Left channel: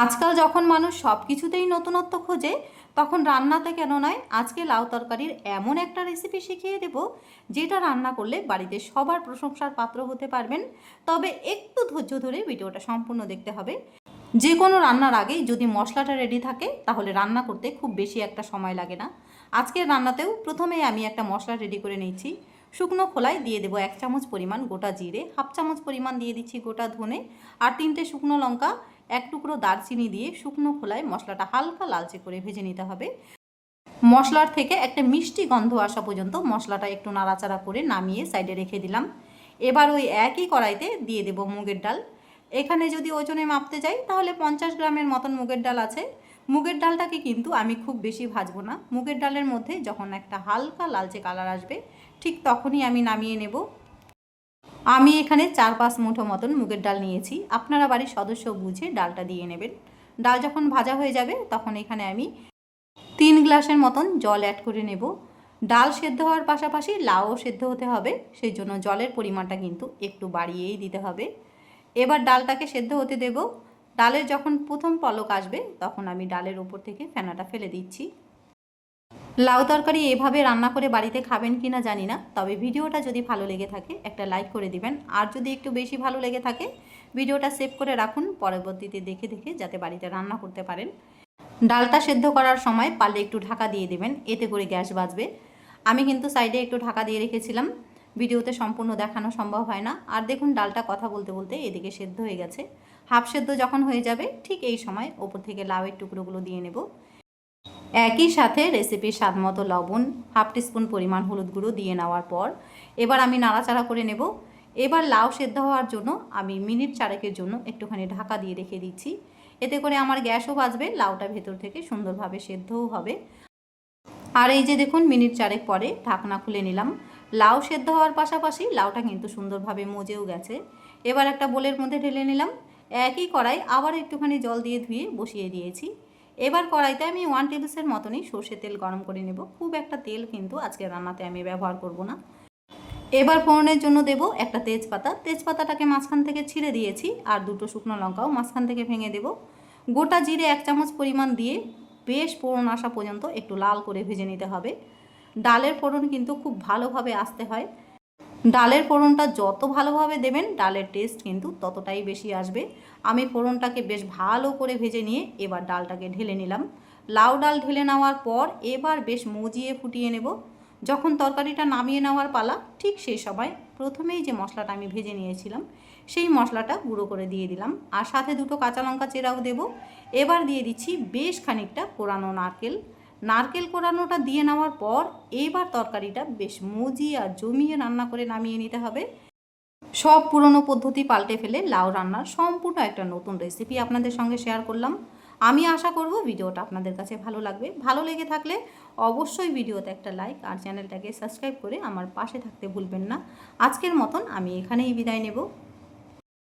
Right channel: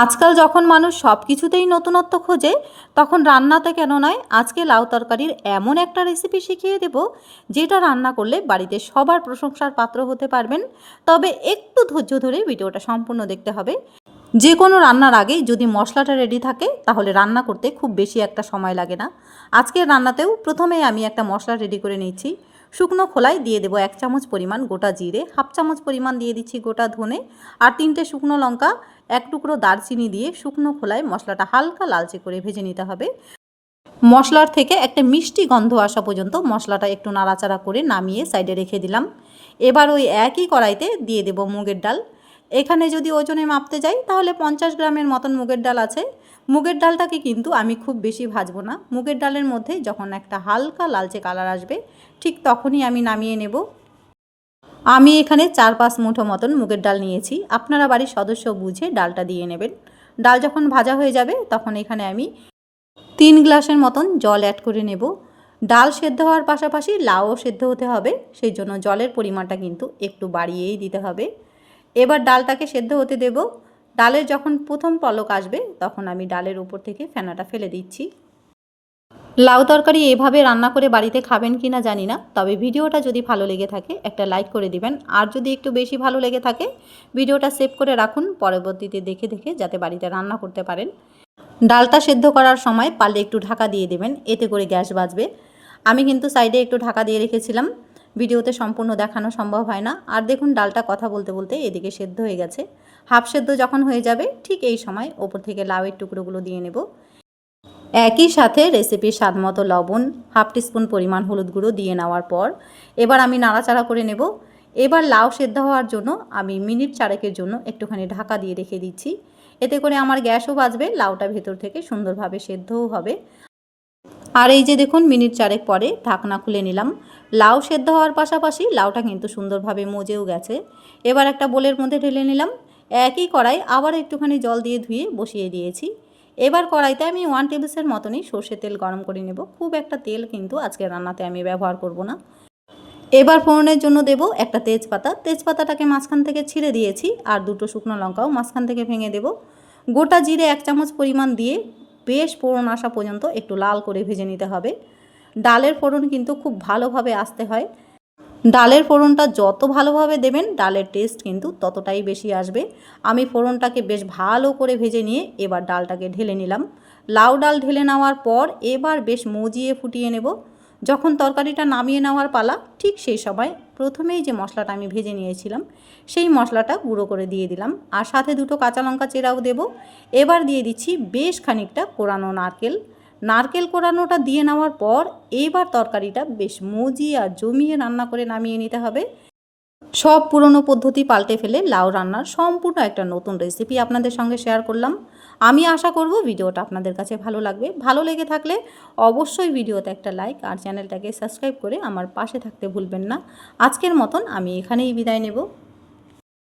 আজকাল যখন মানুষ সব কিছুতেই নতুনত্ব খোঁজে, তখন রান্নাতে কেন নয়, আজকে লাউ তরকারির এমন একটা রেসিপি শিখিয়ে দেব যেটা রান্না করলে বাড়িতে সবার প্রশংসার পাত্র হতে পারবেন। তবে একটু ধৈর্য ধরে ভিডিওটা সম্পূর্ণ দেখতে হবে। যে কোনো রান্নার আগেই যদি মশলাটা রেডি থাকে তাহলে রান্না করতে খুব বেশি একটা সময় লাগে না। আজকের রান্নাতেও প্রথমেই আমি একটা মশলা রেডি করে নিচ্ছি। শুকনো খোলায় দিয়ে দেবো 1 চামচ পরিমাণ গোটা জিরে, হাফ চামচ পরিমাণ দিয়ে দিচ্ছি গোটা ধনে, আর 3টে শুকনো লঙ্কা, 1 টুকরো দারচিনি দিয়ে শুকনো খোলায় মশলাটা হালকা লালচে করে ভেজে নিতে হবে। মশলার থেকে একটা মিষ্টি গন্ধ আসা পর্যন্ত মশলাটা একটু নাড়াচাড়া করে নামিয়ে সাইডে রেখে দিলাম। এবার ওই একই কড়াইতে দিয়ে দেব মুগের ডাল। এখানে যদি ওজনে মাপতে যাই তাহলে 50 গ্রামের মতন মুগের ডাল আছে। মুগের ডালটাকে কিন্তু আমি খুব বেশি ভাজবো না। মুগের ডালের মধ্যে যখন একটা হালকা লালচে কালার আসবে ঠিক তখনই আমি নামিয়ে নেব। আমি এখানে 4-5 মুঠো মতন মুগের ডাল নিয়েছি। আপনারা বাড়ির সদস্য বুঝে ডালটা দিয়ে নেবেন। ডাল যখন ভাজা হয়ে যাবে তখন এখানে আমি 3 গ্লাসের মতন জল অ্যাড করে নেব। ডাল সেদ্ধ হওয়ার পাশাপাশি লাউও সেদ্ধ হতে হবে, সেই জন্য জলের পরিমাণটা কিন্তু একটু বাড়িয়েই দিতে হবে। এবার ডালটাকে সেদ্ধ হতে দেব। ডালের যখন প্রথম পলক আসবে তখন আমি ডালের উপর থেকে ফেনাটা ফেলে দিচ্ছি। লাউ তরকারি এভাবে রান্না করে বাড়িতে খাবেন কি না জানি না, তবে ভিডিওটা যদি ভালো লেগে থাকে একটা লাইক করে দিবেন। আর যদি একটু বেশি ভালো লেগে থাকে ভিডিওটা সেভ করে রাখুন, পরবর্তীতে দেখে দেখে যাতে বাড়িতে রান্না করতে পারেন। ডালটা সেদ্ধ করার সময় পারলে একটু ঢাকা দিয়ে দেবেন, এতে করে গ্যাস বাঁচবে। আমি কিন্তু সাইডে একটু ঢাকা দিয়ে রেখেছিলাম, ভিডিওতে সম্পূর্ণ দেখানো সম্ভব হয় না। আর দেখুন ডালটা কথা বলতে বলতে এদিকে সেদ্ধ হয়ে গেছে। হাফ সেদ্ধ যখন হয়ে যাবে ঠিক এই সময় ওপর থেকে লাউয়ের টুকরোগুলো দিয়ে নেব। একই সাথে রেসিপির স্বাদমতো লবণ, হাফ টিস্পুন পরিমাণ হলুদ গুঁড়ো দিয়ে নেওয়ার পর এবার আমি নাড়াচাড়া করে নেব। এবার লাউ সেদ্ধ হওয়ার জন্য আমি মিনিট 4 জন্য একটুখানি ঢাকা দিয়ে রেখে দিচ্ছি। এতে করে আমার গ্যাসও বাঁচবে, লাউটা ভেতর থেকে সুন্দরভাবে সেদ্ধও হবে। আর এই যে দেখুন মিনিট 4 পরে ঢাকনা খুলে নিলাম। লাউ সেদ্ধ হওয়ার পাশাপাশি লাউটা কিন্তু সুন্দরভাবে মজেও গেছে। এবার একটা বোলের মধ্যে ঢেলে নিলাম। একই কড়াই আবার একটুখানি জল দিয়ে ধুয়ে বসিয়ে দিয়েছি। এবার কড়াইতে আমি 1 টেবিলস্পুন মতনই সর্ষের তেল গরম করে নেব। খুব একটা তেল কিন্তু আজকে রান্নাতে আমি ব্যবহার করব না। এবার ফোড়নের জন্য দেব একটা তেজপাতা। তেজপাতাটাকে মাঝখান থেকে ছিঁড়ে দিয়েছি, আর 2টো শুকনো লঙ্কাও মাঝখান থেকে ভেঙে দেব। গোটা জিরে 1 চামচ পরিমাণ দিয়ে বেশ ফোড়ন আসা পর্যন্ত একটু লাল করে ভেজে নিতে হবে। ডালের ফোড়ন কিন্তু খুব ভালোভাবে আসতে হয়। ডালের ফোড়নটা যত ভালোভাবে দেবেন ডালের টেস্ট কিন্তু ততটাই বেশি আসবে। আমি ফোড়নটাকে বেশ ভালো করে ভেজে নিয়ে এবার ডালটাকে ঢেলে নিলাম। লাউ ডাল ঢেলে নেওয়ার পর এবার বেশ মজিয়ে ফুটিয়ে নেব। যখন তরকারিটা নামিয়ে নেওয়ার পালা ঠিক সেই সময় প্রথমেই যে মশলাটা আমি ভেজে নিয়েছিলাম সেই মশলাটা গুঁড়ো করে দিয়ে দিলাম, আর সাথে 2টো কাঁচা লঙ্কা চেরাও দেব। এবার দিয়ে দিচ্ছি বেশ খানিকটা কোরানো নারকেল। নারকেল কোরানোটা দিয়ে নেওয়ার পর এইবার তরকারিটা বেশ মজিয়ে আর জমিয়ে রান্না করে নামিয়ে নিতে হবে। সব পুরনো পদ্ধতি পাল্টে ফেলে লাউ রান্নার সম্পূর্ণ একটা নতুন রেসিপি আপনাদের সঙ্গে শেয়ার করলাম। আমি আশা করব ভিডিওটা আপনাদের কাছে ভালো লাগবে। ভালো লেগে থাকলে অবশ্যই ভিডিওতে একটা লাইক আর চ্যানেলটাকে সাবস্ক্রাইব করে আমার পাশে থাকতে ভুলবেন না। আজকের মতন আমি এখানেই বিদায় নেব।